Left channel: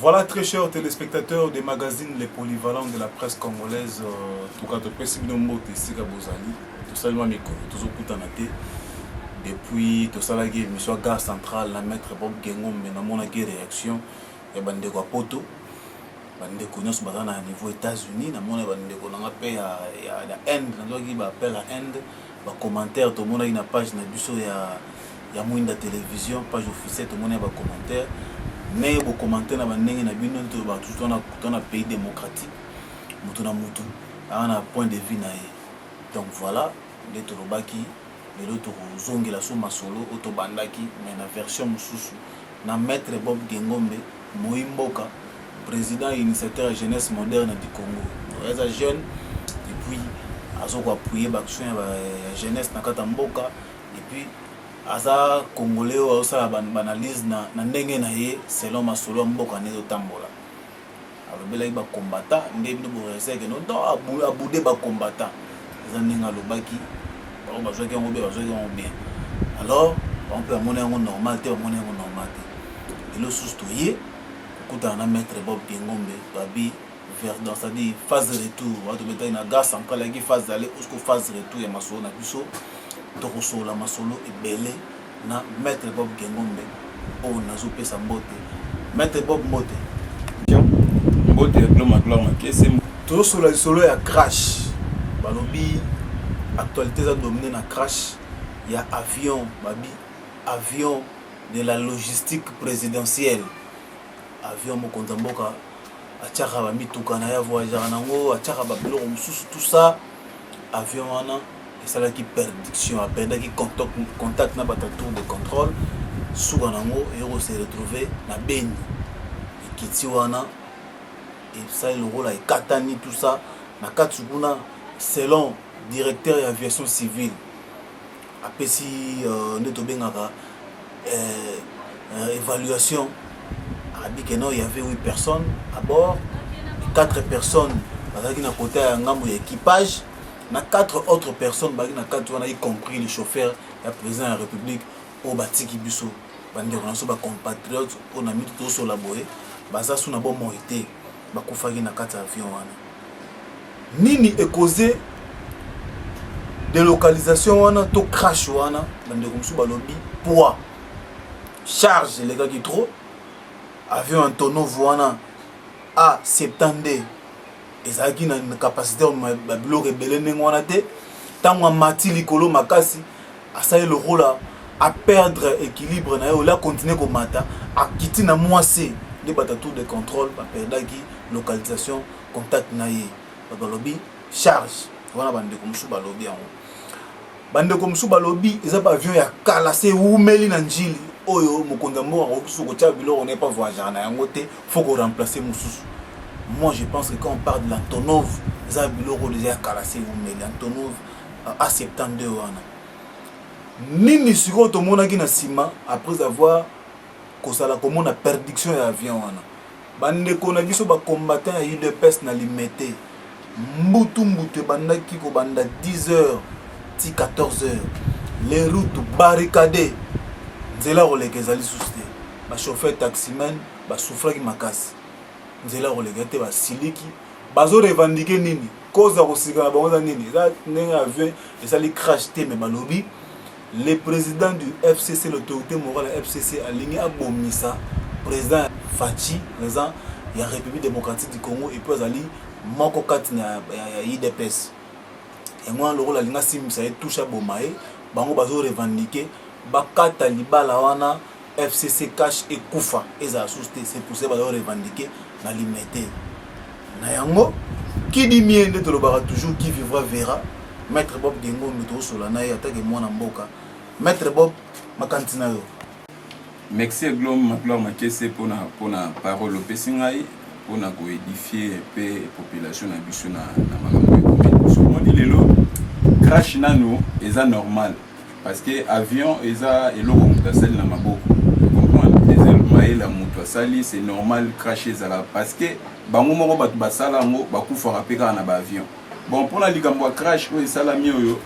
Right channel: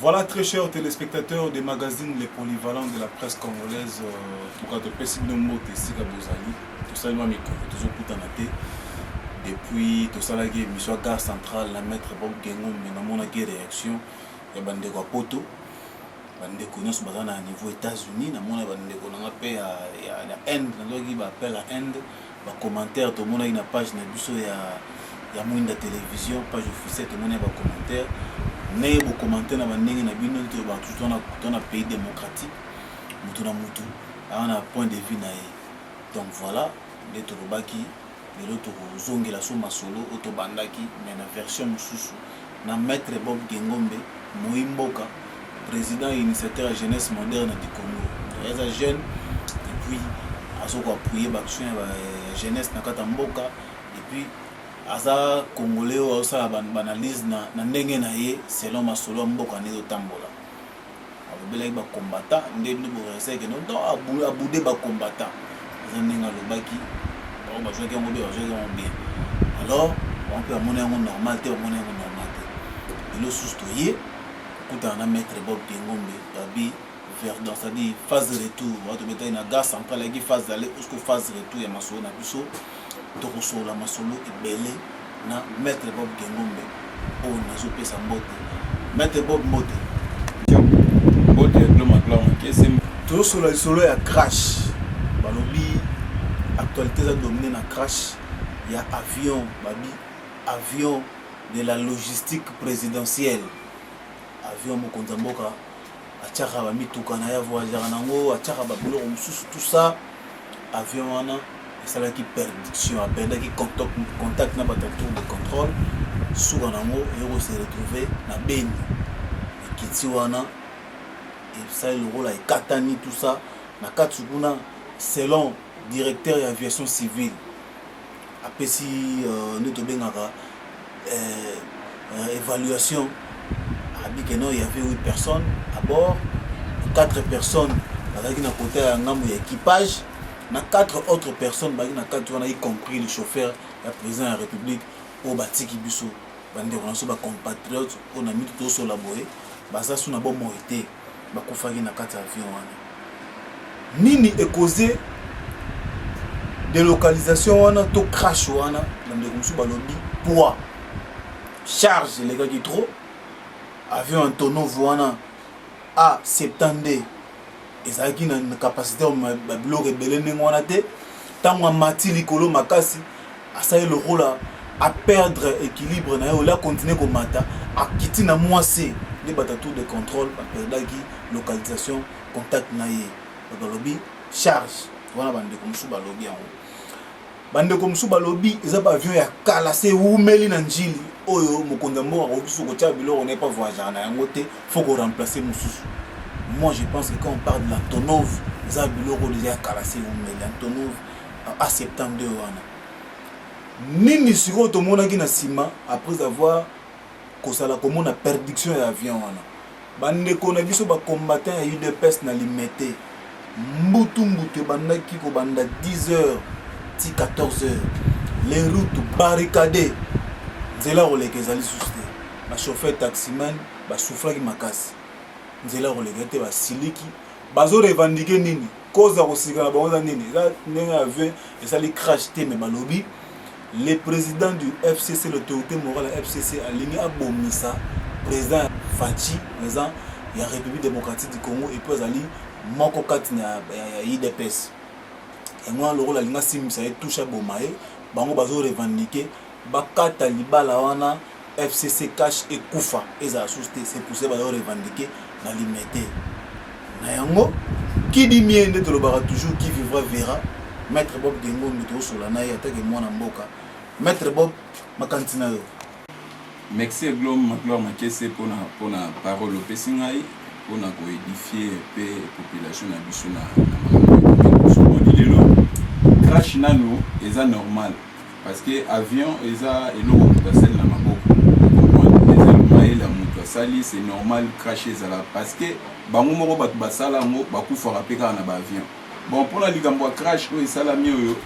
Voilà, très chers téléspectateurs des magazines Les Polyvalents de la presse congolaise. Tout cas, tout ça, depuis tout ça, la mission gare centrale, la maître Bob Gengo, mais dans mon réaction, il y a des poto. Bande connaissent à niveau États-Unis, na mona bande qu'on appelle la Inde, na logi ba appelle la Inde, ba commentaire tout monde a une page na biso ya mwinda télévision, page officielle tout monde a ba commentaire. Mais bo commentaire na bandenge na bino to ba tout on a pays démocratique, mutu na mutu, on a point de vue na ye. Donc voilà, les torobaki, les autres zongela so masolo auto bandaki mais na version mususu na maître Bob Gengombe Moimboka, président et initiateur jeunesse moderne du Congo. Il y a des jeunes et puis ils ont appuyé l'action de la jeunesse dans Katamboka et puis aza congolais aussi banalise na ndenge na ye selon masolo mboka nezo tambola. Alobela ba combattant ndenge bo reseke no donc abude ba combattant. Ils ndenge lobaki ba bazwa ki ngobe bazwa ki bien. Alors on peut amener un normal te amener un normal te. Et le soustoyer on a maître Bob Gengombe babi vers dans c'est-à-dire phase retour on va mettre une gare centrale qui phase d'aller jusqu'au phase retour ya masolo na biso to la masolo et belé na maître Bob Gengombe o nazo pesa mbote maître Bob mbote gloire makese to solo solo ya crash balobi actualité ça dominé na crash ya avion babi avion de la logistique présidentielle avion mokonza mboka atiaka ba mituka na ya voyageur nango atiaka ba biloko mususu tout ça avion wana esalaki perdiction apendaki contact na bata tour de contrôle suka nango yoko se retrouver na Beni ekiti wana et le rôle ekatani tout ça na kati kuna selon directeur ya aviation civile apesi neto bengaka évaluation il y avait 8 personnes à bord, 4 personnes qui na côté un ngambo équipage, 4 autres personnes y compris le chauffeur, le président de la République au Batiki Bisso, bande on a compatriotes, on a mis tout sur la boé, baza sous na bon morité, bakufaki na 4 avions wana. Nini est causé délocalisation wana to crash wana, bande comme sous balobi poids charge les gars qui trop avion Antonov wana a 70 ezaki na capacité de bloc rebelle ngwana te tango mati likolo makasi asali le rôle à perdre équilibre na yo la continuer ko mata a kiti na moissé de bata tour de contrôle ba perdaki localisation contact na ye balobi charge wana bande comme sous balobi en bande comme sous balobi eza ba avion ya kala se umeli na njili oyo mokonza mboka okiso ko tia biloko n'est pas voyageur na yango te faut qu'on remplace mususu. Moi je pense que quand on parle de l'Antonov za biloko déjà kalassé umeli Antonov à 72 wana nini siko to monaki na sima après avoir kosala komona perdiction ya avion wana bande ko na biso ba combattant ya UDPS na limité mbutu bandaki ko banda 10h ti 14h les routes barricadées nzela roleke ezali susté ba chauffeur taximan ba souffraki makasi nzela roleke te ba siliki bazo revendiquer nini cause ko sika na bango nini za ndenge avion ezali crash te mais balobi le président du FCC l'autorité morale de FCC aligné abomisa président Fachi président ya République démocratique du Congo et puis azali moko kati na ya IDPS et moi le rôle alinga simisa et touche bomae bango bazo revendiquer bakata libala wana FCC cash et kufa eza susté c'est pour ça ba revendiquer na limité na yango qui dit miende to lobara toujours qui vivra verra maître Bob Gengombe to solana ya take mwana mboka maître Bob makantina yo merci gloire makese pona parole opesingai pona ko édifier pe population na biso na makambo ekomi mo di lelo crash nano eza normal parce que avion eza eloko mutasali na maboko comprendre ezel maela mutu asali c'est normal cracher zala parce que bango moko batu basala ngo bakufaka pe kaka na ba avion bon pona likambo ya crash oyo esalami oyo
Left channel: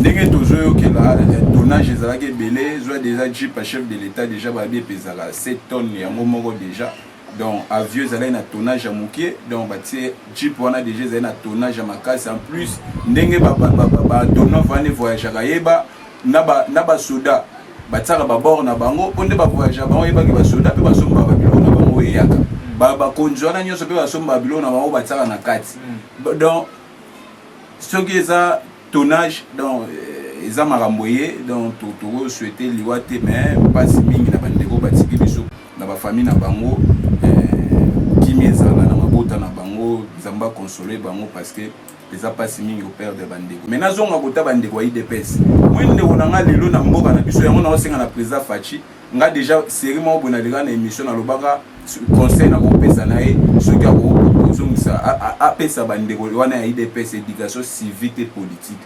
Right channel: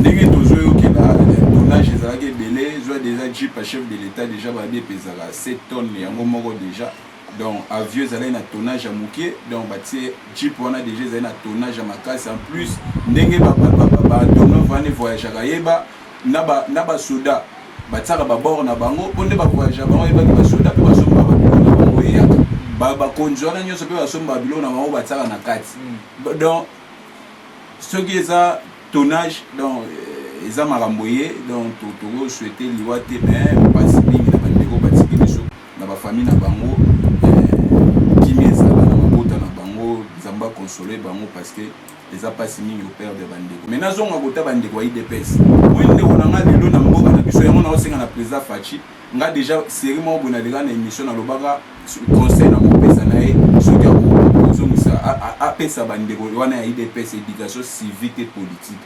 ndenge tozoyo que la tonnage ezalaki belé soit déjà jeep à chef de l'état déjà ba bien pesaka 7 tonnes yango moko déjà donc avion ezalaki na tonnage ya mokie donc batie jeep wana déjà ezalaki na tonnage ya makasi en plus ndenge ba tonneau vane voyageaka yeba na ba soda batiaka babord na bango mpo nde bavoyagea bango yebaki basoda mpe basombaka biloko na bango eyaka bakonzi wana nyonso mpe basombaka biloko na bango batiaka na kati donc soki eza tonnage donc eza makambo ye donc tokosouhaite liwa te mais mpasi mingi na bandeko batiki biso na bafamille na bango kimi ezala na mabota na bango nzambe akonsole bango parce que eza mpasi mingi operde bandeko mais nazonga kota bandeko ya idps moi ndeko na nga lelo na mboka na biso yango nakosenga na président Fachi nga déjà série moko boye naleka na émission nalobaka conseil nakopesa na ye soki akozongisa apesa bandeko wana ya idps éducation civique et politique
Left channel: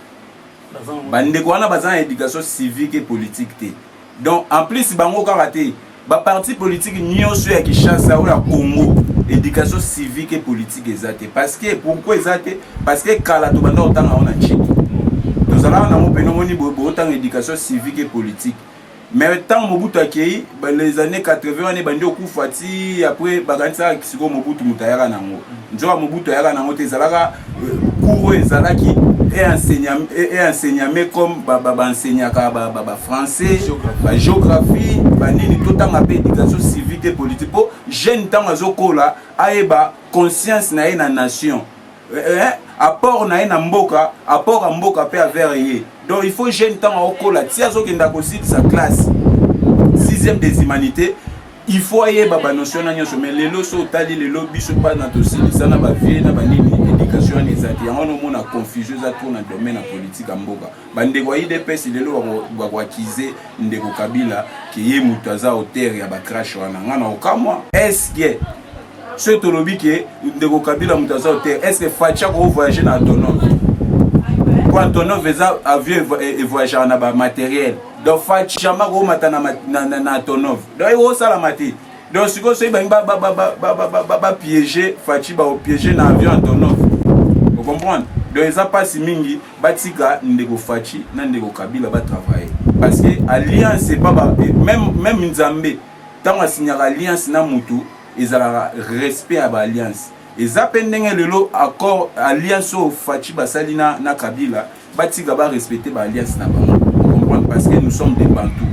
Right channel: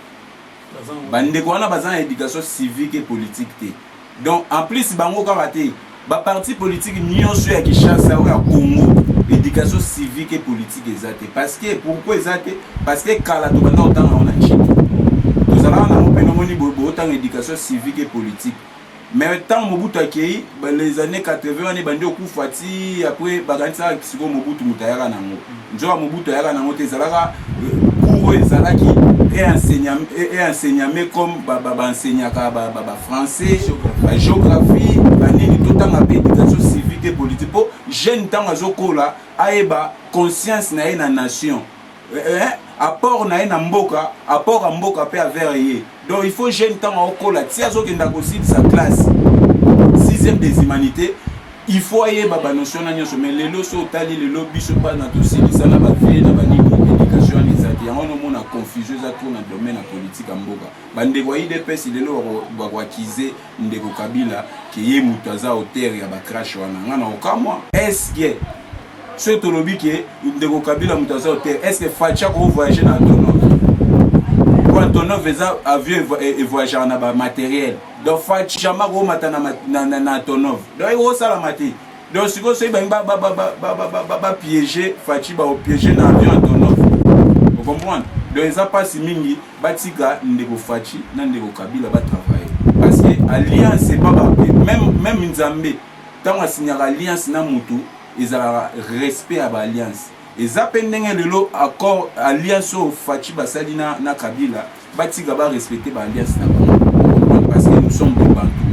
bandeko wana baza na éducation civique et politique te donc en plus bango kaka te baparti politique nyonso ya Kinshasa oyo ya Congo éducation civique et politique eza te parce que pourquoi eza te parce que kala tobanda kotanga yango na nchiki tozalaka nango pene omoni bootanga éducation civique et politique mais ntango Mobutu akei les années 80 wana ebandi okufa ti après bakanisaka sikoyo Mobutu moto ayaka nango nzoka Mobutu ayaka nango te ezalaka cours oyo ezalaki enseignement comme baenseignaka français géographie banini totanga mpe éducation civique et politique mpo jeune ntango azokola ayeba conscience na ye na nation apport na ye na mboka apport ya mboka mpe avers ye donc il faut jeune ntango aokola ti azokenda kosilisa classe 6e des humanités il faut ayeba banotion na nyonso mais lelo so otali lelo biso bana tosilisa na bavie na banini éducation wana eza te yango nomona confusion eza tour na domaine ya politique ya mboka bandeko ya idps lelo bakwakize ndeko Kabila ke ye moto aza auteur ya bacrash wana nga na okamwa eske soki tolobi ke ndeko Kabila moto aza auteur eske Fachi akovoyage na Antonov po Antonov eza avion evoyageaka na bamatériel donc Fachi jamais akomata na Antonov donc ekosalama te donc sikoyo soki bangi bapiége Fachi baopiége na avion Antonov ocomprendre donc eza mpasi mingi batika ndeko Fachi na ndeko Kabila batravaille parce que alliance epa même nzambe ntango asignaka alliance na mutu ezalaka respect ya baalliance eza mpe ndenge lelo accord alliance oyo Fachi basali na Kabila batika barespecte baalliance na bango ocomprendre parce que nous sommes des Bantous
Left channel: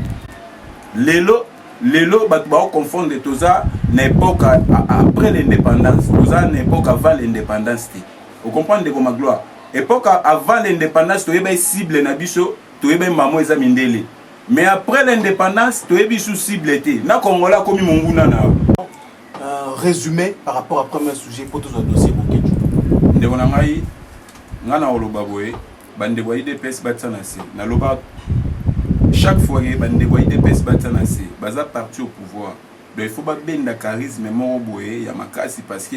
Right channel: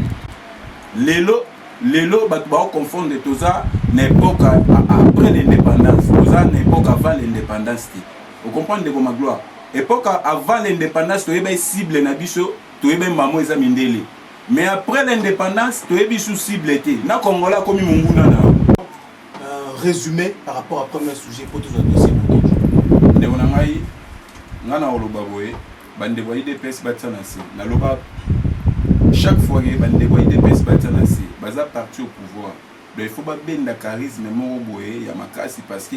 lelo bato baoconfondre toza na époque après l'indépendance toza na époque avant l'indépendance te ocomprendre ndeko Magloire époque avant l'indépendance toyeba cible na biso toyeba mamo eza mindele mais après l'indépendance toyebi sous cible te na Congolais akomi monguna nao résumé par rapport à premier sujet pour tous les dossiers bokeju ndeko na ngai nga na oloba boye bandeko ya IDPS batia na se naloba chaque fois que bandeko ya IDPS batia na se baza parti au pouvoir donc il faut babenda charisme moko boye ya makasi parce que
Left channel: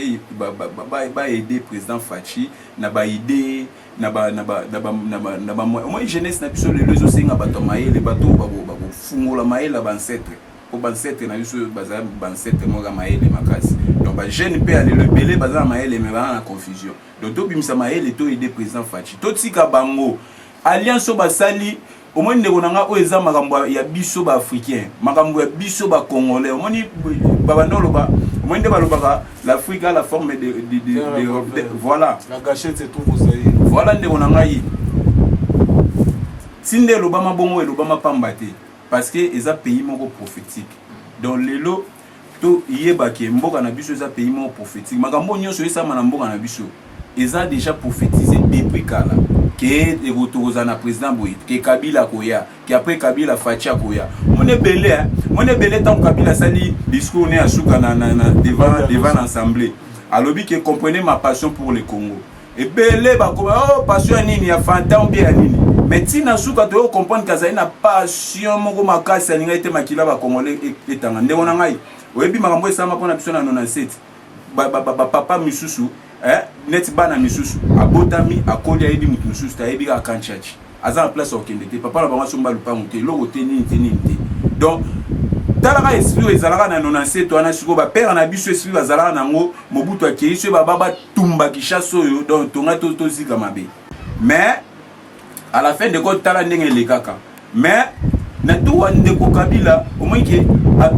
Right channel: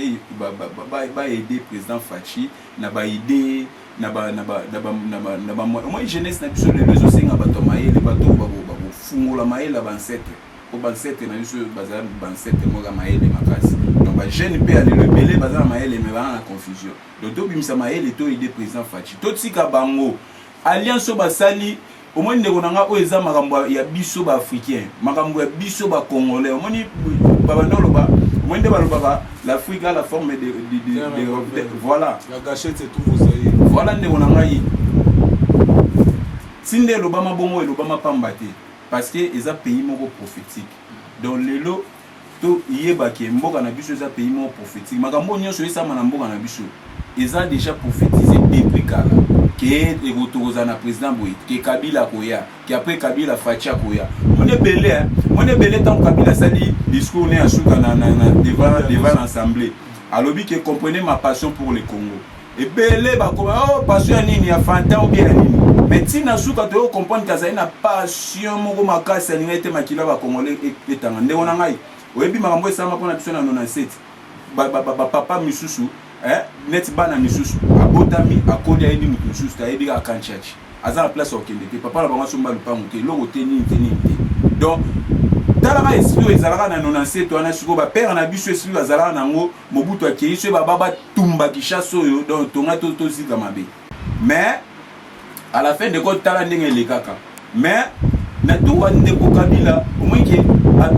ba aider président Fachi na ba idée na ba moi jeunesse na biso lelo ezosenga bato mayele bato bakofungola mayele bancetre po bancetre na biso baza bancetre moka mayele makasi donc ba jeune pe alelo belé baza mayele mais ba na confusion donc tobimisa mayele to aider président Fachi totika bango alliance basali omoni ndeko nanga oyo eza makambo ya biso ba africain makambo ya biso ba congolais omoni babanda loba omoni nde balobaka l'Afrique a la forme de voilà la gâchette se trouve aux aïeux voilà ndeko nanga yi tinde lobama bongo e lobama pamba te parce que eza pays moko prophétique donc lelo to yeba ke mboka na biso eza pays moko prophétique makambo nyonso esama na mboka na biso eza déjà prophétisé depuis kala que retourza na président Boy que Kabila koya que après Kabila Fachi koya mon belé tant Kabila sali discours né asuka na devant l'assemblée alobi que comprenez ma passion pour le Congo et belé ba ko oh passion nini ya fanta ou bien nini mais tina suka to comprendre que ça na passion moko makasi ninga ete makila ba congolais etanga ndeko na ngai oyebi makambo esama pona biso na 97 papa misusu net bana misusu abotami akoli ayebi mutu misusu ayebi ka kanchachi aza en place okende te papa la bango somba lupango te loko te nini te donc talaka esprit ezalaka na 97 wana siko ba père na biso esprit bazalaka nango Mobutu akeiso baba tumba Kinshasa oyo donc tonga to zika mabe mais à la fin de compte tala ndenge le kaka mais na tout ndeko Kabila au moins que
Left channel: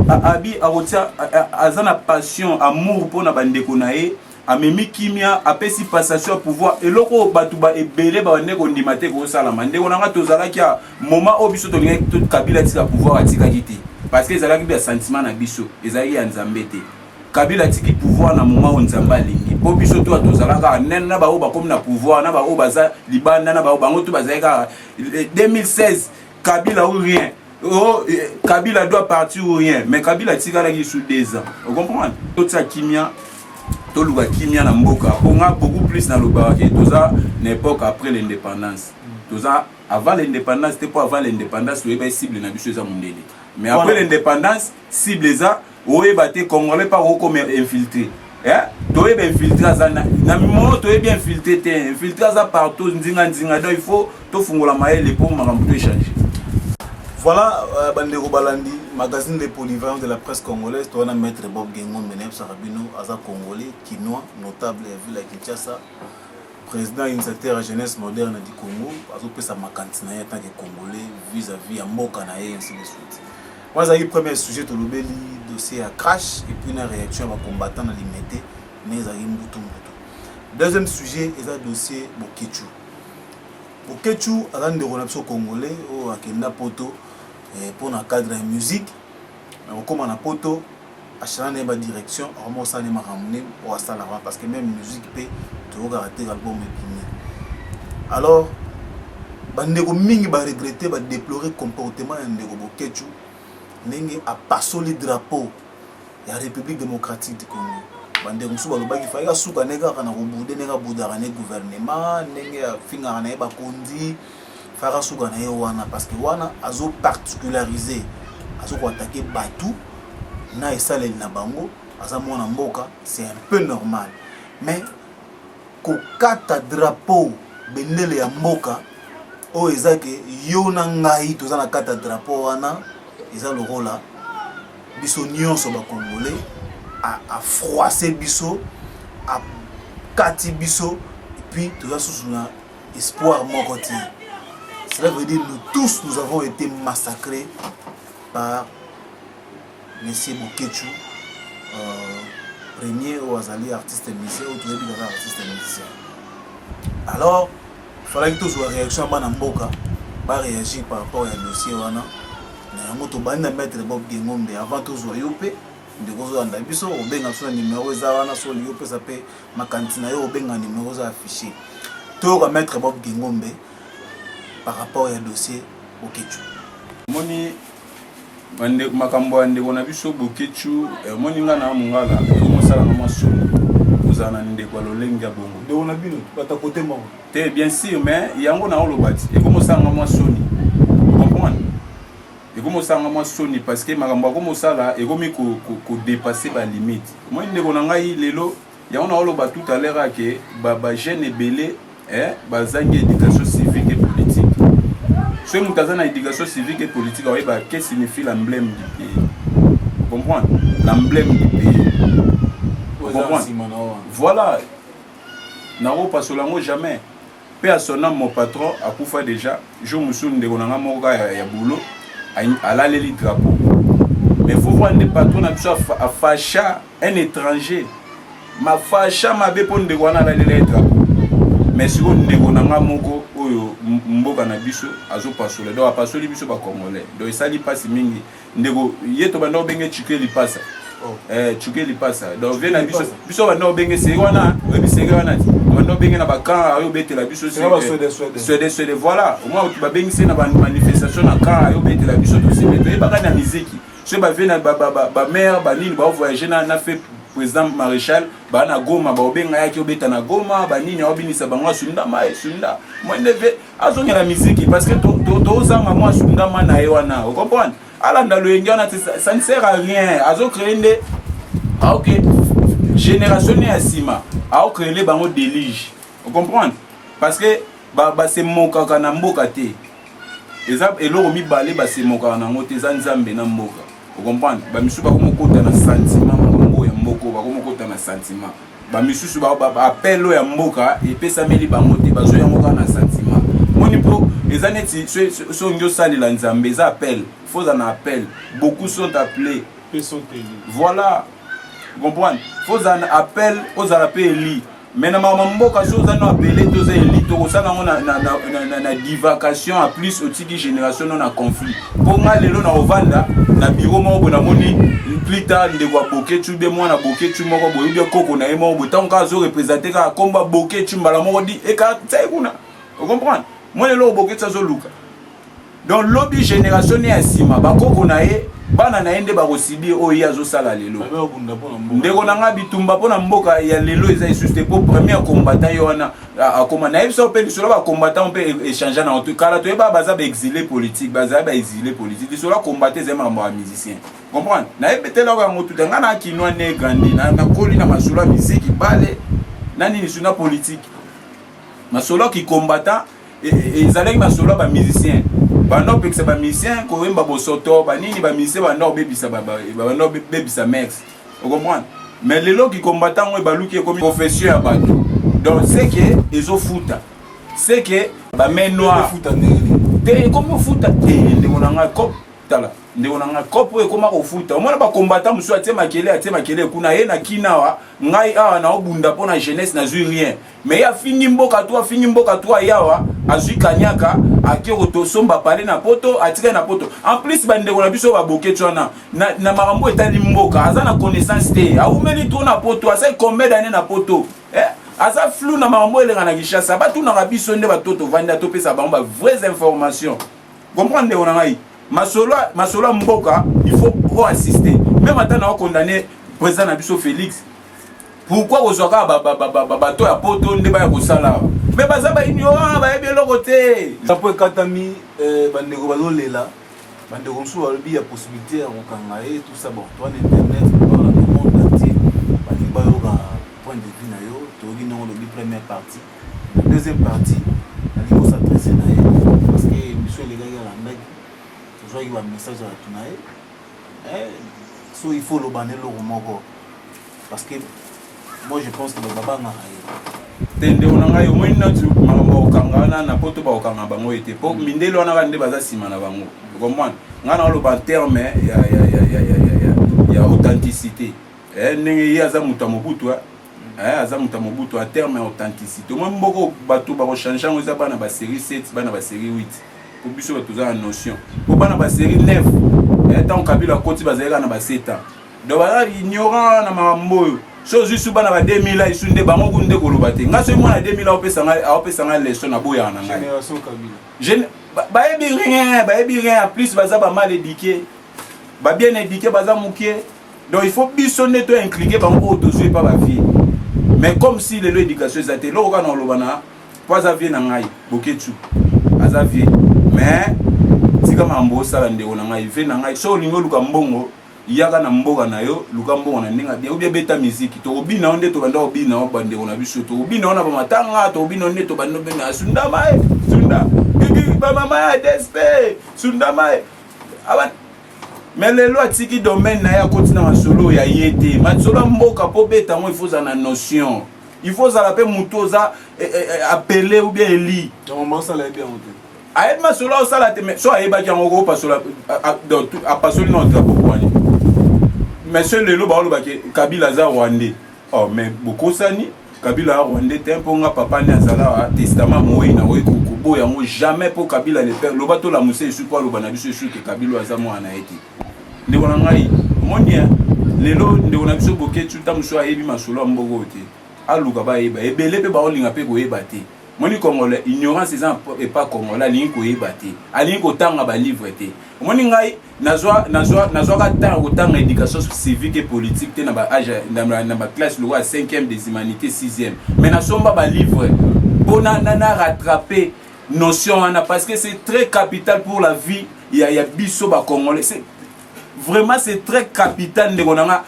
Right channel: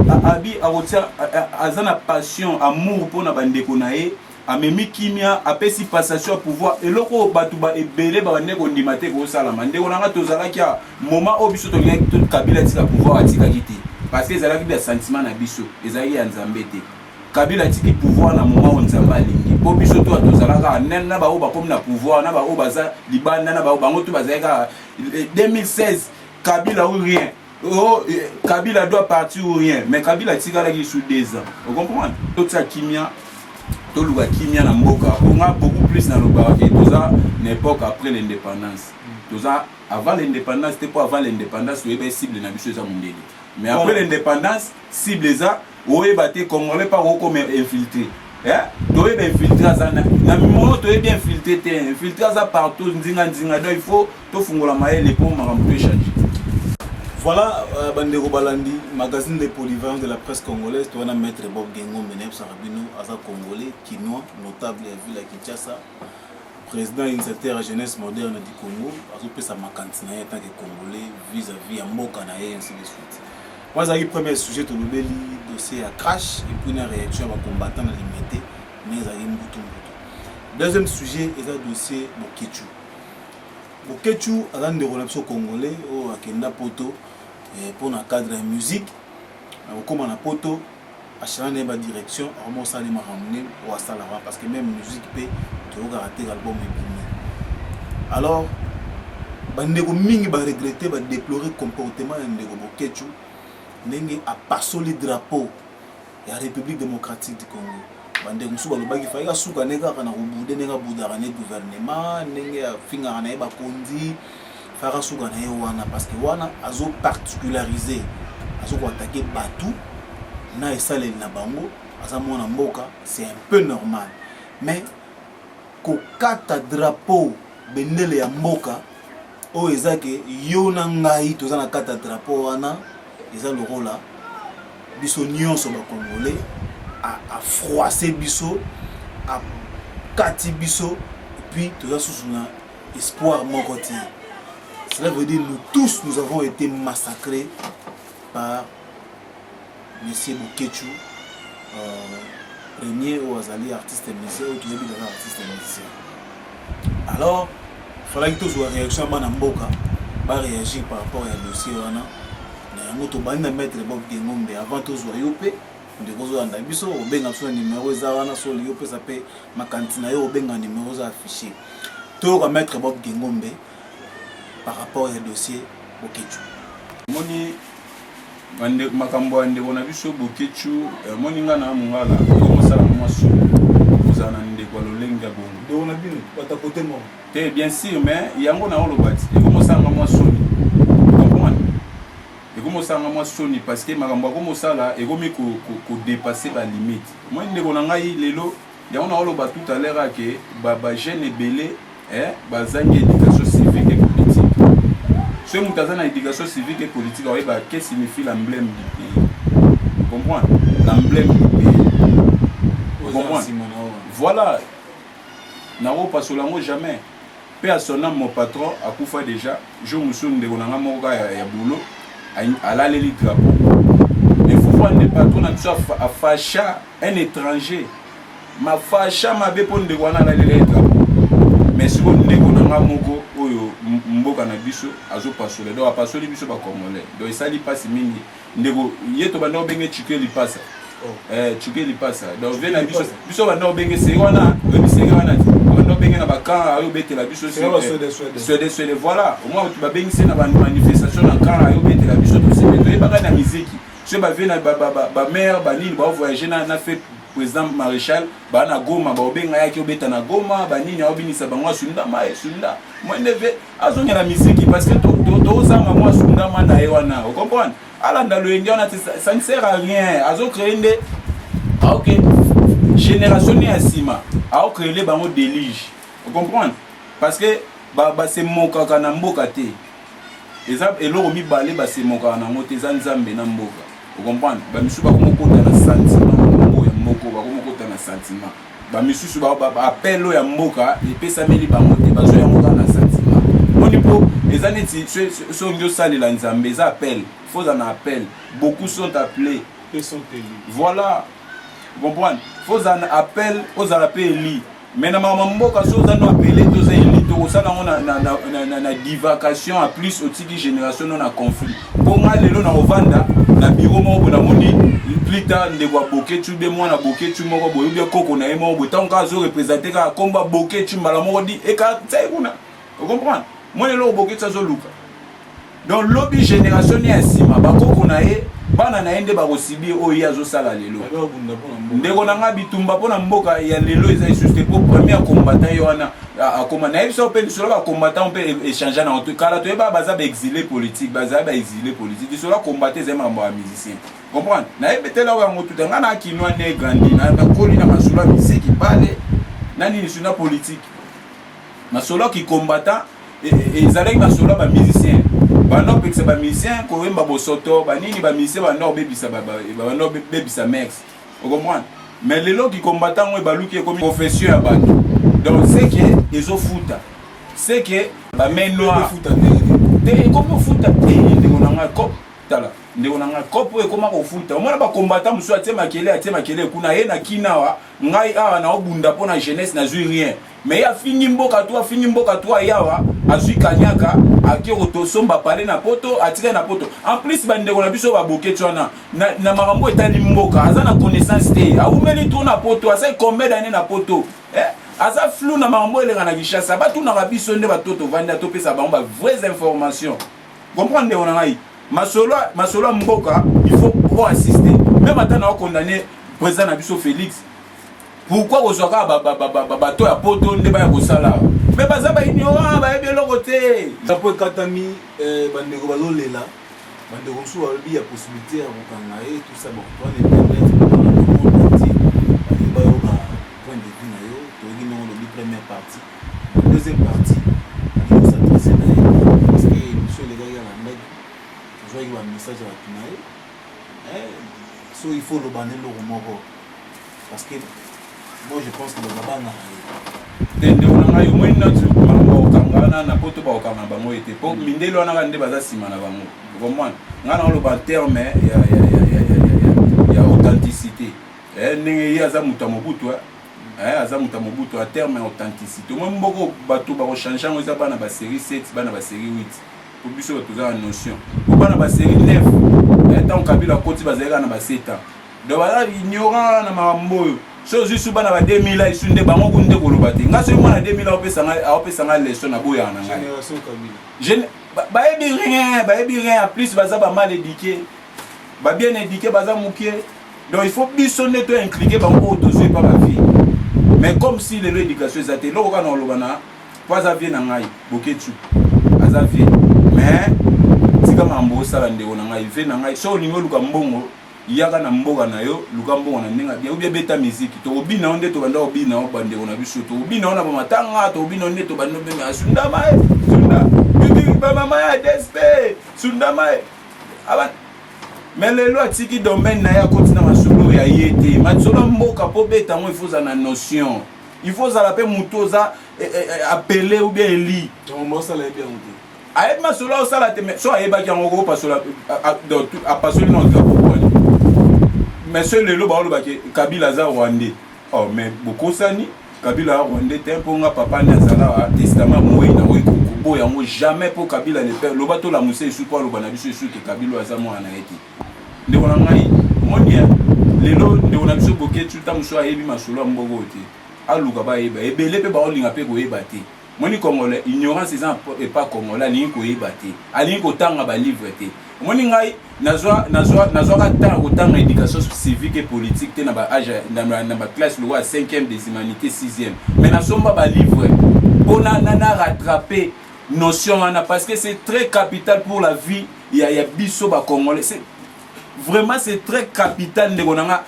abi arotia azana passion amour pour na bandeko na ye amemi kimia apesi passation à pouvoir eloko batu ba ebele ba ndeko ndimate ko sala mandeko nanga tozala kia moment obiso to linga tout Kabila tika pouvoir atika kiti parce que ezalaki bien sentiment na biso ezali ya nzambe te Kabila tiki pouvoir na moment où nzamba lingi po biso to tozalaka nen na ba o ba comme na pouvoir na ba o baza libanda na ba o bango to bazaka 2016 Kabila ou rien. Oh, Kabila doit partir ou rien. Mais Kabila tika la sous 2 ans. Vous comprenez? Tout ça kimia, tout le kimia na mboka. On a beaucoup plus dans le bar que tout ça l'époque après l'indépendance. Tout ça avant l'indépendance, c'était pas avant l'indépendance où il cible na biso za mundele. Mais après l'indépendance, cible ça, où il batté congolais pas comme infiltré. Eh? Tu es bien infiltré na moment tu es bien infiltré, infiltré ça partout nzinga donc il faut tout fungola maele pour maramto échanger. Voilà, Bandeko Balandi, magazine de polyvalent de la presse congolaise. Tu as maître Bob Gengo Meneb Sarabino, Aza Congolais, Kinois, notable à Ville à Kinshasa, président initiateur à jeunesse moderne du Congo. Azo pesa makantina en tant que Congolais vis-à-vis à Mokanae et ainsi de suite. Moi, j'ai eu premier sujet de l'obéli, dossier à crash et puis une réaction à combattant à limiter, mais j'ai eu Mbutu. Deuxième sujet, c'est le dossier Bokechu. Bokechu, à l'un des relations congolais, au Akenda Poto. Pour le cadre de la musique, comme on a poto, à chaque direction, on s'en est ramené au Salama parce que même musique peut te rater l'album est bien. Alors, bandeko mingi ba regretter, ba déplorer comportement de ndeko Bokechu, n'enge a passé le drapeau de la République démocratique du Congo. Bandeko musu ba lobaki fa ya suka neka kana rubude neka budara ne gouvernement, n'enge finga na ba kondi. Fara suga na wana parce que wana azo particularisé azo ko attaquer Batu na esale na bango aza mona mboka c'est un peu normal mais ko kata drapeau bendele ya mboka o ezake yo na ngai toza na kata drapeau wana eza le rôle là biso nyonso ba congolais a froisser biso a kati biso et puis toza sous na espoir moko ti. Cela veut dire que nous tous, nous avons été massacrés par M. Bokechu, premier au Azali artiste musicien, au Tourébi artiste musicien. Alors, il fallait que tous les réactions à Mboka réagir par rapport au dossier. Nous avons mettre Bob Gengombe avant tous les Yopé. Nous avons numéro sur le Yopé, ça peut ma cantine, numéro affiché. Nous avons mettre Bob Gengombe par rapport au dossier Bokechu. Moni makambo ande bona biso Bokechu moni ngana mungala eko sala ngama solo uzana ndeko lolenga bongo de ona bino bata côté mo te bien sûr mais yango na olobati eko sala ngama soni comprendre eko sala ngama soni parce que makambo ko sala eko mi ko dépasser ba limite moi ndeko na ngai lelo yango na oloba tout à l'heure que ba jeune belé bazangi éducation civique et politique. Ce qui est l'éducation civique et politique, qu'est-ce que signifie l'emblème du pays? Vous comprenez? L'emblème du pays. Vous comprenez? Voilà. N'aro pas seulement jamais. Paix à son âme, mon patron, a Koufa déjà, je me souviens de mon amour à boulot, à l'allée drapeau. Mais il faut voir des patrons à facha un étranger. Ma facha m'a bépon de Wana l'allée drapeau. Mais si vous n'avez moko oyo mboka na biso azo pasole do apasoli biso ba congolais do isali pasi mingi ndeko yeto banda obenge chike li pasa chike li pasa do vena biso banda obenge se wana webi se wana banda obenge na bakan ayo betela biso Suède voilà au moins tu ba bengi se na ba manifestation na kan ayo betela biso to sebe to yeba na muziki so ba vena ba mère ba nini ba voyager na fait président maréchal bana Goma ba obenga yaki obeta na Goma ba nini obinisa bango sunda mai sunda moi ndeve azonga la musique parce que to zanga moi sunda mana ewana vous comprenez alanda lo engana ça ne sert à rien azo créer nde OK génération ni asima a créer les bango délige vous comprenez parce que ba c'est moka kana mboka te exemple eloro mi balé ba c'est moka na ngote za nzambe na mboka. Vous comprenez? Ba misu ba komokota na sentiment mambo ya mboko ba komokota na sentiment. Ba misu ba appel ya mboka et pesa meli ba moté ba zo ya ngoka na sentiment. moni po eza neti so ndio salela nzambe eza appel faut en appel beaucoup sont appelés Ils sont élus. voilà vous comprenez faut en appel aux appels élus mais na mboka so za no appelé tous élus to ça na divagation à plus au tiki génération na conflit pour nga lelo na ovanda na bureau moko na moni plus tard ndeko boke tu be mwana boke tu moko boyo bien koko na emo bo tant ka zo représenter ka komba boke tu mbala moko di e ka tsai kuna vous comprenez moi lelo boke tu zo luka donc lobby génération ni asima ba koko na e bana na ende ba kosibi oyi azo sala lelo ndeko na nga bitumba pona mboka ya lelo eza juste pour premier combattant yona akoma na ebso pe solo ba combattant pe échanger na tout kala to ba baza ba exilé politique baza ba exilé politique solo combattre zema ba musicien comprendre na ebetela wa motu nga na kinwa ne grandi na koli na masolo ya musique bale nani ni suna politique masolo ki combattant ezalaki masolo ba musicien bando pekisa ba musicien ko wemba bosoto banini ba musicien bando bebisa bando bebisa max vous comprenez mais lelo ki combattant we baluki comme profession ya bato donc c'est que ezo futa c'est que ba menoir futa te comme futa te ndeko na nga cop tala ndeko na nga cop e koma ko futa omona ba combattant musu atie makele kuna ye na kinawa ngai awa na obunda pona jeunesse na zui rien mais ya fingi mboka toi yawa azui kanyaka akiro to somba parler na poto atika na poto en plus bandeko na biso ba boke twana na marambo etali mboka aza na connaissance te aumeli to na poto asa combien d'années na poto aza flou na marambo elenga na Kinshasa ba tuna biso nde ba toto vanda to pesa ba vraies informations comprendre on ngai masolo mboka il faut assister même atana condamner président na biso Félix. Pourquoi vous avez bateau à poto ne pas kosala mais baza ba ignorant ba yebi eloko te après katami bandeko bazolela bandeko msu balobi ya possibilité ya kokanga et tout ça bon toi internet dans le monde entier balingi bayoka point de vue na yo toyoki nango lobi première partie deuxième partie alingi s'adresser na ye parce que émission elekaki alandaki tozwaki bamessage ya bato na ye so il faut loba ne eloko moko parce que moi je pense que le baba nga tende onanga yo moi natu mama okanga na poto ba okanga bango ete po mindelo wana bande baza sima na bango comprendre nga na lo ba terme ya authenticité ndenge yaza muta mobutu aza muta mobutu a terme authenticité moi mboko bato ba ko changer ngo za bana ba série 7 bana ba série 8 pour biso bato za notion pour bana ba série 9 tant Kabila koti bazela na ba 7 ans donc bana ignorant na mambo so juste bana ba 2000 isunde bango kunde koloba te nga so mwana 2000 opesa nga leçon na boya na ngai génération Kabila ba ebi rien en plus baza ba mal éduqué ba bien éduqué baza mukie donc il faut biso neto impliquer bango autozui pas ba vie mais comme si le éducation ezate lo kana olobana pas vie na ngai boketu aza vie mais tika mambo sala ndeko na ngai vie na ngai so lingo luka mbongo yaka na mboka na yo luka mbongo na ndinga bien ou bien beta musique to obina onde to banda obina o bande ona biso to obina ona ba matanga to obina onde to banda be asunda mai sunda ba mama ya despe sunda mai aban mais lelo atiki domaine na ya kotina masolo ya yete masolo mboka po beta mo il faut na notion il faut ça la pe mutoza appeler ou bien eli donc moi ça l'a bien monté aide masolo ça la te so ayeba ki ngoko pasola a pasoli non drapeau pour ani mais ce lelo ba lo ba ke Kabila za Rwandais oh mais beaucoup sani Kabila Rwandais tempo nga papa ni azala testament moyi na oyi ko boya ngo jamais pour Kabila le père lo bato la musée sur quoi lo bana biso sur que Kabila za mo ana eti ndeko na ngai monia lelo ndeko na biso boketu tamuso ayebi masolo mbogo te aluka ba yeba ebele pe ba olinga pe ko yeba te moni congolais ignorance et pas congolais ni ko yeba te ali ko tanga ba livre te moni ngai nazwa ka tanga ko tanga éducation civique et politique te na ba âge na ba classe le 5e des humanités 6e mais na somba ba livre pour na rattraper notion wana parce que c'est très capital pour la vie il y a biso ba congolais c'est vraiment c'est très capital ndeko nanga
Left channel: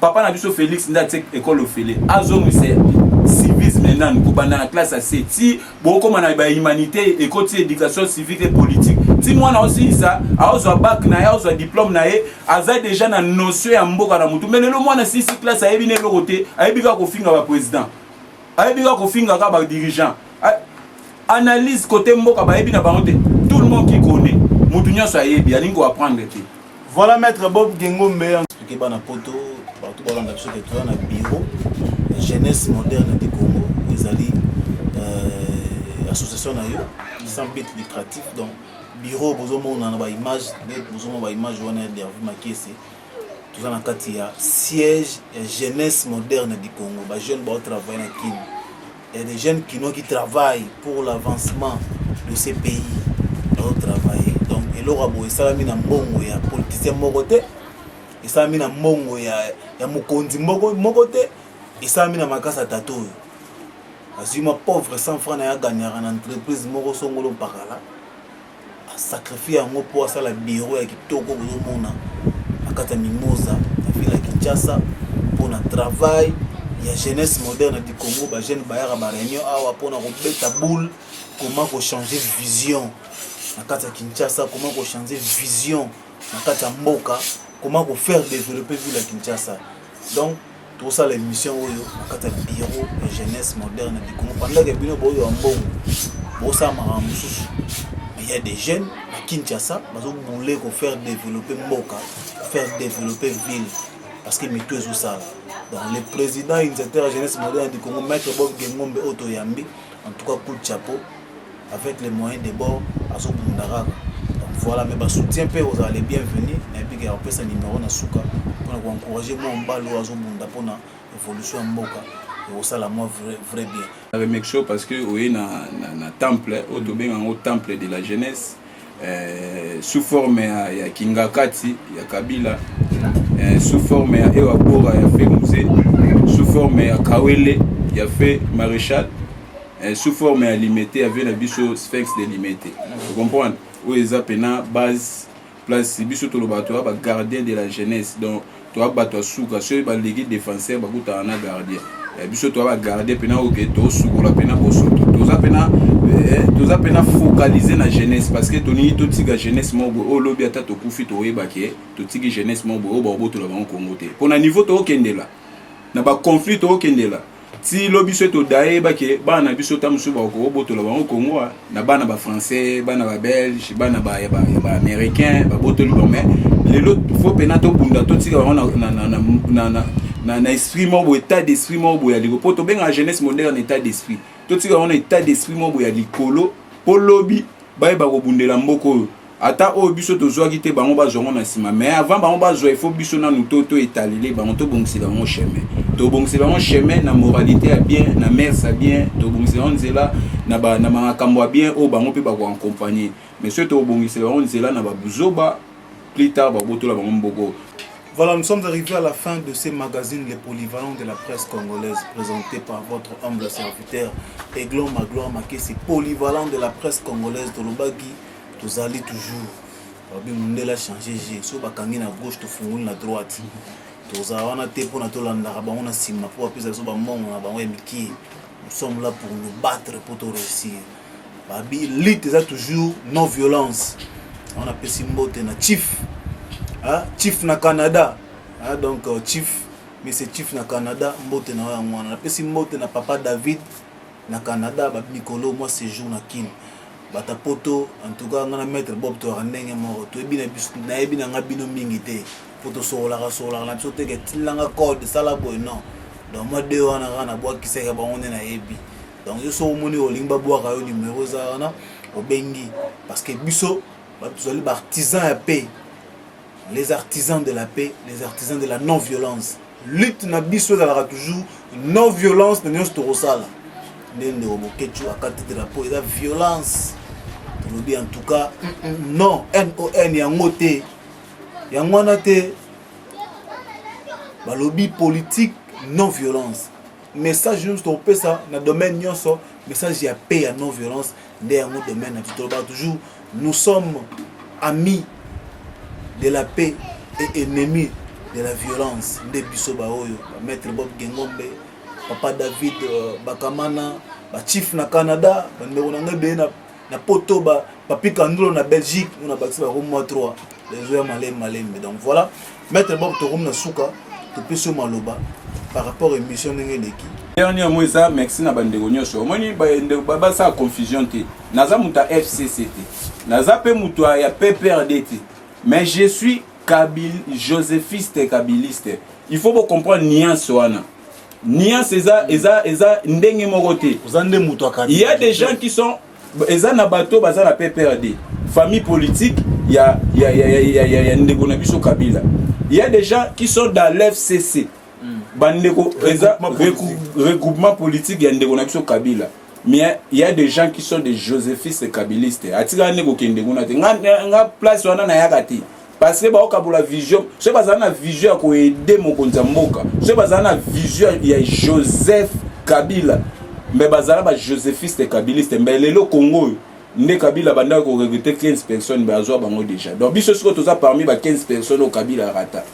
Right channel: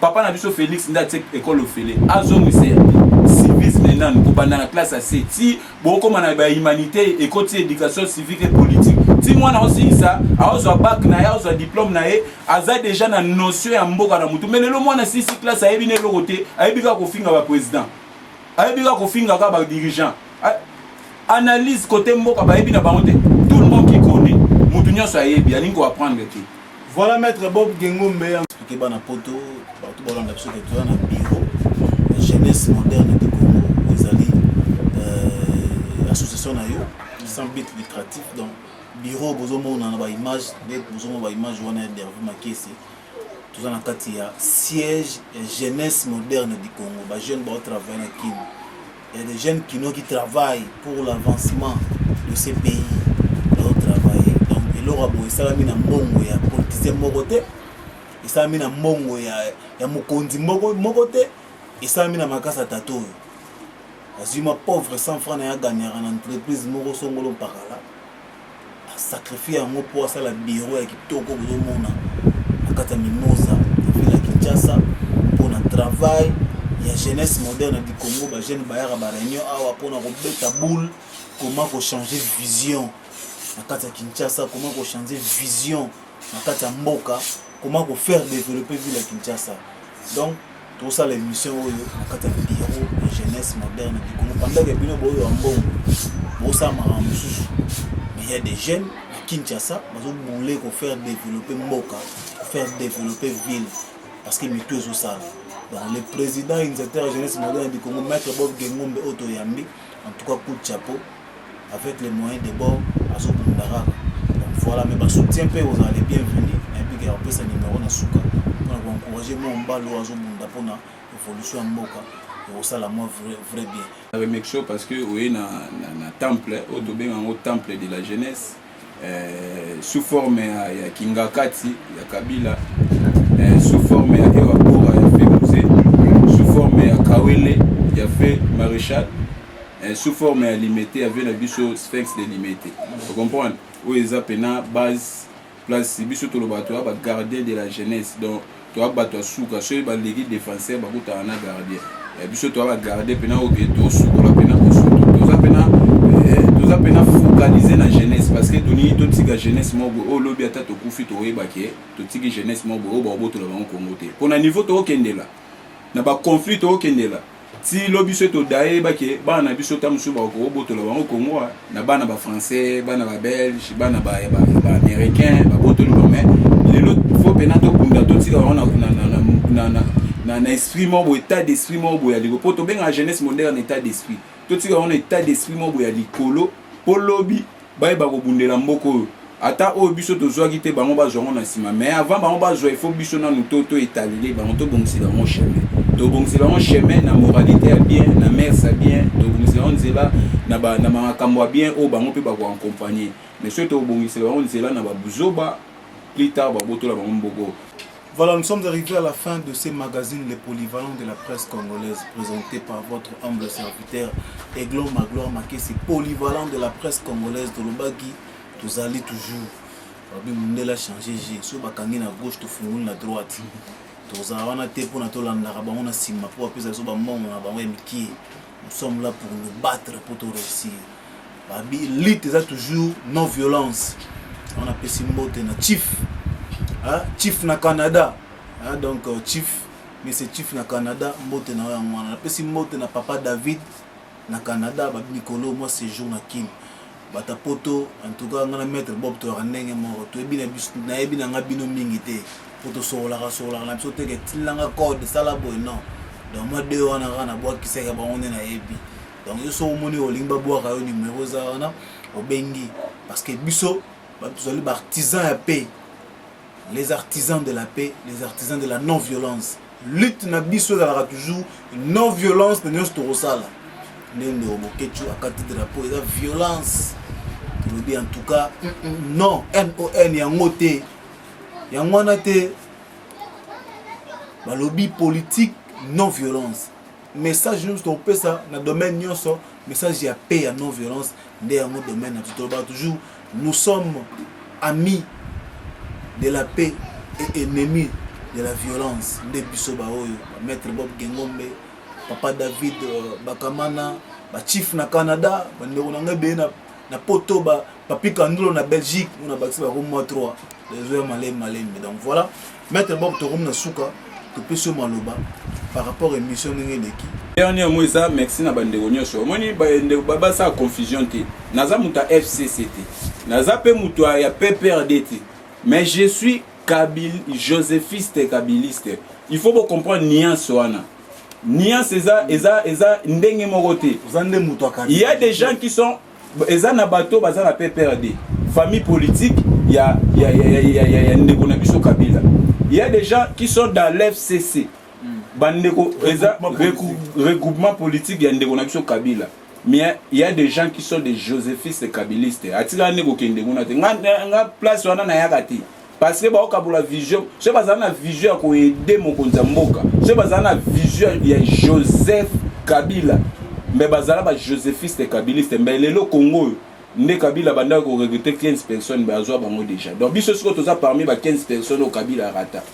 papa na biso Félix ndate école ofele azongi c'est civisme nan ko banda na classe C ti boko mana ba humanité et côté éducation civique et politique ti mwana aussi ça azo bac na ya azo diplôme na ye aza déjà na notion ya mboka na mutu mais lelo mwana 6 classe ayebi ne lokote ayebi ka ko finga ba président ayebi ka ko finga ka ba dirigeant analyse côté mboka bayebi na bango te tout le monde qui connaît mutu nyonso ayebi alingi apprendre te. Voilà maître Bob Gengombe expliqué bana poto partout balanda biso ke tu na bureau jeunesse moderne du Congo où ezali association na yo sans but lucratif donc bureau bozomona na ba image net bozomona ba image wana d'Hervé Makese tout na kati ya siège jeunesse moderne du Congo ba jeune ba travailler na kin. Il y a des jeunes qui travaillent pour l'avancement de ces pays. Travailler. Donc, il aura beau, ça a mis un bon ya politicien mogoté, et ça a mis un bon ya mokondi mogoté, et ça a mis un makasa tato. As ma pauvre 100 francs à gagner en entreprise moro songolo pakala, a sacrifié un mot pour ça la bureau et qui toko au monde, à kata mimosa, à ville à Kinshasa, pour un travail. Il y a jeunesse moderne du Congo, ba jeune bayara ba réunion awa pour na robeta boule, comment changer vision. Nakata Kinshasa, comment changer vision, Nakata Mboka, comment faire développer ville à Kinshasa. Donc, tout ça, les missions, Nakata bureau et jeunesse moderne du Congo. Pendant que Bino Boyo Ambon, Bosa Maramoussous, mais il y a des jeunes à Kinshasa, qui ont faire développer Mboka, faire développer ville, parce que Mito est ça. Donc, le président initiateur jeunesse moderne du Congo, Maître Bob Gengombe Otoyambi, en tout cas, coup de chapeau. Avec les moyens de bord à Zobundaraka. Donc voilà, mais soutien peu vous allez bienvenue. Et puis après ça numéro na suka pour encourager mon balo à Zobunda pour la évolution en Mboka. Et ça la moi vrai bien. Je remercie parce que oui na temple au au temple de la jeunesse sous forme ya Kingakati ya Kabila sous forme ya Ewa Bora ya fait musée sous forme ya Kawele ya fait maréchal sous forme limitée avec la biso sphinx de limité. Vous comprenez? Où ils appellent base place biso to le bateau ba gardien de la jeunesse. Donc toi bateau souka ceux ba légué défenseur ba kuta na gardien. Et biso to ba garder pena o que to souko la pena bosoto. To za pena focaliser na jeunesse parce que toni to tiga jeunesse mo o lobi ata to kufi to yeba ke to tiga jeunesse mo o ba boto la ba Congo te. Pour na niveau to okendela. Na ba conflit to okendela. Si lobi souhaite au daé baki bana biso tamusu ba ko boto la ba Congo na bana ba français bana ba belge bana ba américain ba boto lu mais les autres faut penato bunda to tika na esprit mo état d'esprit mo ya liko poto benga jeunesse moderne état d'esprit to tika on état d'esprit mo ya likolo po lobi ba ko bundela mboko ata o biso to zwa kité bango ba zongo na sima mais avant bango ba zo il faut biso na nuto étalé bango to bongsila on chemin to bongsila on chemin na moralité a bien na mère ça bien to bongsila on zela na makambo bien o bango pe ba ko accompagner mais ce to bongsila on zela na ba buzoba plus tard ba boto la bango mboko. Voilà, nous sommes arrivés à la fin de ces magazines les polyvalents de la presse congolaise présentés par votre humble serviteur Aiglon Magloire Makese, polyvalent de la presse congolaise de Lobagi. Vous allez toujours Babi a changé so bakangi na gauche to fungula na droite toza wana te pour na to landa ba on a sima pour apesa so ba mongo na ba miki nous sommes là pour nous battre pour te réussir Babi lutte ça toujours non violence on a pesi mbote na chief chief na Canada donc chief mais c'est chief na Canada mbote na wana pesi mbote na papa David na Canada Babi Nicolo moi séjour na Kim bata poto en tout cas ngana maître Bob to randenge moko to ebina biso na ebina ngabino mingi te poto sola na biso te ke tilanga code sala boy non donc moi de wana kana boa kiseka ba on na ebi donc yo so moni olimba boa ka yo numéro za wana obengi parce que biso ba tozali ba artisan ya paix les artisans de la paix les artisans de la non violence lutte na biso za la toujours non violence na nyos to rosala ndende obokechu akati drapeau eza violence. En tout cas, non, N-O-N, yango te. Yango wana te. Balobi politique, non violence. Message nous stopper ça dans le domaine nyonso, message ya paix ya non violence dans yango domaine toujours nous sommes amis de la paix et ennemis de la violence. Nde biso ba oyo, maître Bob Gengombe, papa David Bakamana, ba chief na Canada, bandeko na ngebe na poto ba papi Kandolo na Belgique on a bâti ba Rome 3 les joueurs malem donc voilà maître Bob to na suka to peso maloba par rapport à l'émission Nengeleki. Dernier mot ça, merci na bandeko nyonso. Moni ba sa confusion te. Naza muta FCCT. Naza pe muta ya PPRDT. Mais je suis joséphiste kabiliste. Il faut vous comprendre nuance wana. Nuance eza ndenge morote. Il y a des gens qui sont eza na bato baza na PPRD. Famille politique, il y a ndeko na biso Kabila. Il y a des gens qui sont dans l'FCC. Bandeko regroupement politique ya ndeko na biso Kabila. Mais il y a des gens qui sont des joséphistes kabilistes. Atika ndeko kende ngona te. Nga place wana na yakati. Parce que ba okabula vision, ce bazana vision ko aider mokonza mboka. Ce bazana vision ya Joseph Kabila. Mais bazala ba joséphiste kabiliste mais lelo Congo ne Kabila banda ko recruter 15 personnes bazwa bango déjà. Donc biso siko toza parmi ba 15 personnes au Kabila rata.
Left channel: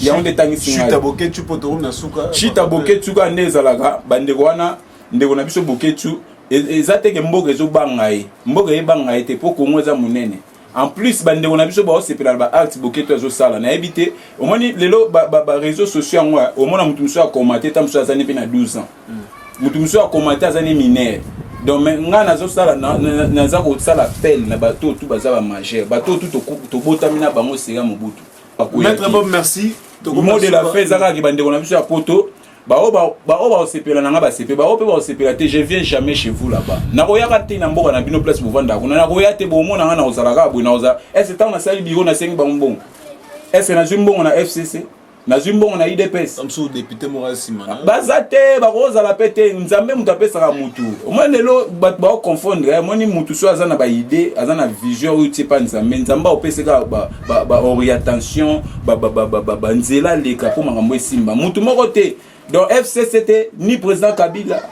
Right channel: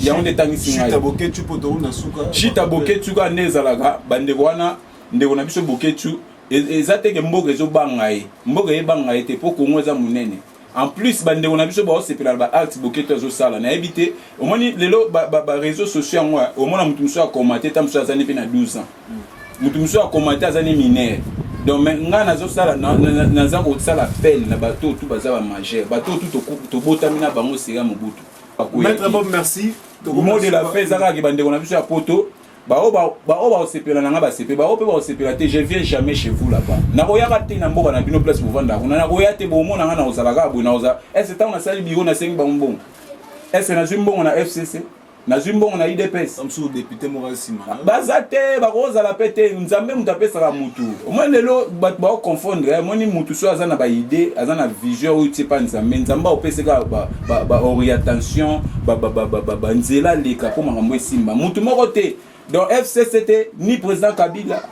Ya onde tangisi ngai. Chita boketu poto na suka. Chita boketu ka nezalaka bandeko wana ndeko na biso boketu ezateke mboka ezo bangai. Mboka e bangai te po Congo za munene. En plus bandeko na biso ba sepela ba acte boketu ezo sala na éviter au moins lelo ba réseaux sociaux ngwa au moins mutu muso a commenter tam so azani pe na 12 ans. Mutu muso a commenter azani mineur. Donc nga nazo sala naza ko sala appel na bato tout baza ba majeur bato tout to botamina bango sega mobutu. Maître Bob, merci. Mot de la fête zaka ki bandeko na biso ya poto ba sepela na nga ba sepela ba pe sepela te je viens jamais chez vous là-bas. Na koyaka te na mboka na bino place bovanda kuna na koya te bo mona nga na ozalaka bo na oza. Est-ce que na sali biro na sengi ba mbongo? Est-ce na zimbongo na FCC? Na zimbongo na IDPS? Comme sous député Moral Simana. Bazate ba koza la pete nzambe mutapesa ka mutu. Moi lelo ba confondre moni mutu so azana ba idée, azana vision ou ti pa nzambe. Nzamba opese ka ba orientation, ba nzela leka po makambo esimba. Mutu moko te. Donc FCCT ni président Kabila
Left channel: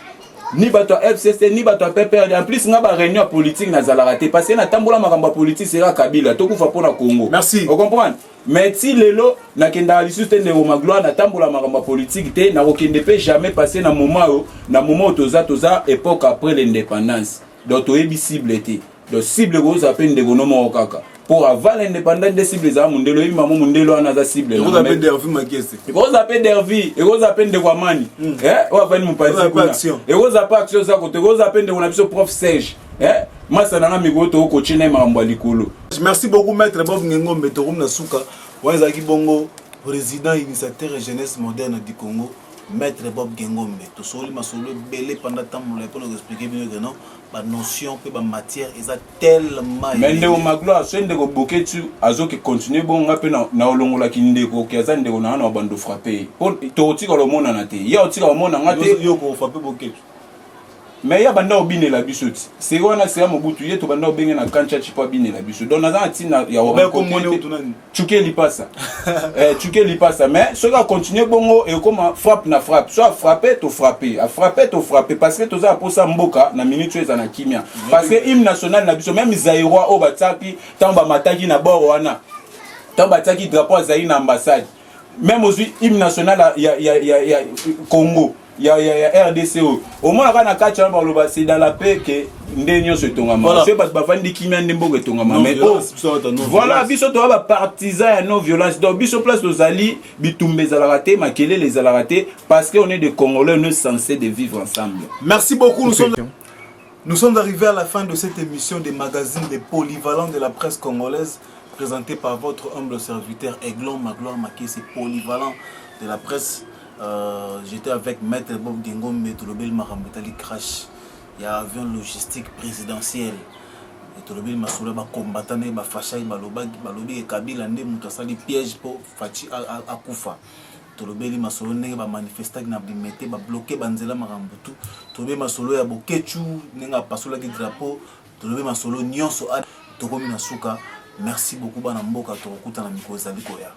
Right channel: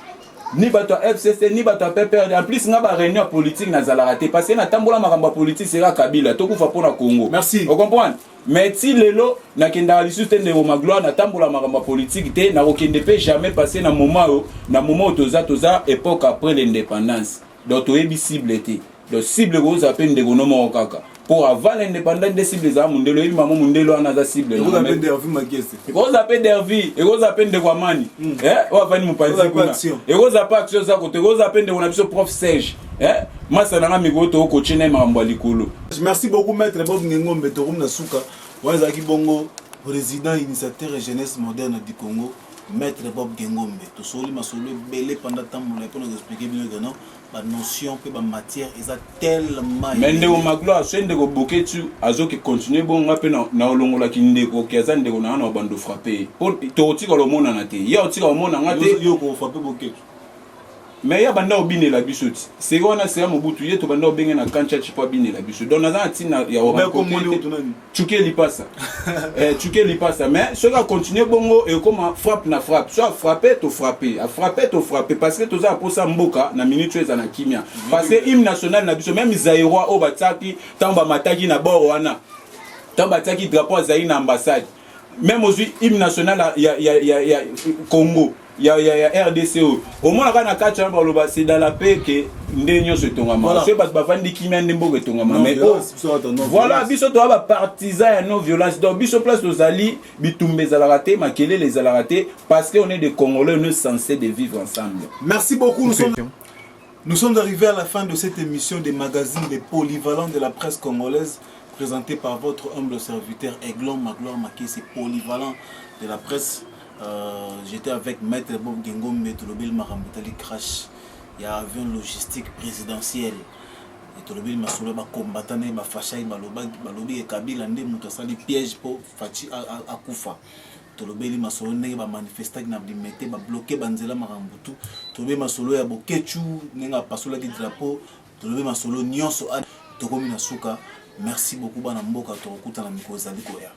ni bato FCC ni bato PPRD en plus nga ba réunion politique na zalarate parce que na tambola makambo politique sera Kabila to kufa pona Congo. Merci. Vous comprenez? Mais si lelo na kenda lisuste ndeko magloire na tambola makambo politique te na okende pe jamais passer na moment toza époque après l'indépendance. Donc to ebi cible te. Donc cible ko za pe ndeko no mo kaka. Pour avant l'indépendance des cibles za mundelo ebi maman mundelo ana za cible na. Vous appelez Dervi Makese. Vous appelez Dervi et vous appelez de Guamani. On va venir mon pays kuna. Et vous appelez action za côté vous appelez de on a biso prof Serge. Masa na ngami to coach na mambo likolo. Merci beaucoup maître Bob Ngengombe to na suka. Wanzaki bongo président initiateur jeunesse moderne du Congo. Maître Bob Ngengombe to soli masolo belé pendant temps pour nous expliquer bien que non ba notion pe ba matière eza tellement mais ndeko magloire so ndeko boketu azoki continuer bon ngape na olongola ki ndeko kiaza ndeko na bando frapper pour to tika lo mona na te ya tika lo mona ngate yo ko frapper boketu mais ya banda obine la bisoti c'est wana c'est mobutu yeto banda obenge na kancha chipa bine la bisoti donc naza tina ya wa ko chuke lipasa chuke lipasa mais ce qui continuer bongo et comme frappe na frappe soit frapper to frapper a frapper to frapper parce que toza posa mboka na minute eza na kimia parce que hymne national na biso même Zaïrois o bataki tamba mataki na bord wana tamba bataki drapeau Zaïre na ambassade même aujourd'hui hymne national ya Congo ya RDCO au moins na kacha ba c'est dans la paix que ndenyo se tongama c'est parce ba fandi kimia ndembo tongama mais voilà biso to ba partisan ya non violence donc biso place aux ali bitumbe za raté makele les ala raté parce que on est des Congolais nous censés de vivre ensemble. Merci beaucoup. Nous sommes arrivés à la fin de cette émission des magazines des polyvalents de la presse congolaise présenté par votre humble serviteur Aiglon Magloire Makese polyvalent de la presse. J'étais avec Maître Bob Ngengombe Tolobel Marambetali Crash. Il y a un avion logistique présidentiel. Et Tolobel Masoula ba combattant ba fachai balobi et Kabila nde mutasali piège pour Fachi akufa. Tolobel Masolo nenge ba manifester na bimete ba bloquer banzela marambutu. Tolobel Masolo ya bokechu nenga pasola ki drapeau. Tolobel Masolo nyonso a tokomi na suka. Merci beaucoup bana mboka to okuta na miko ezali koya.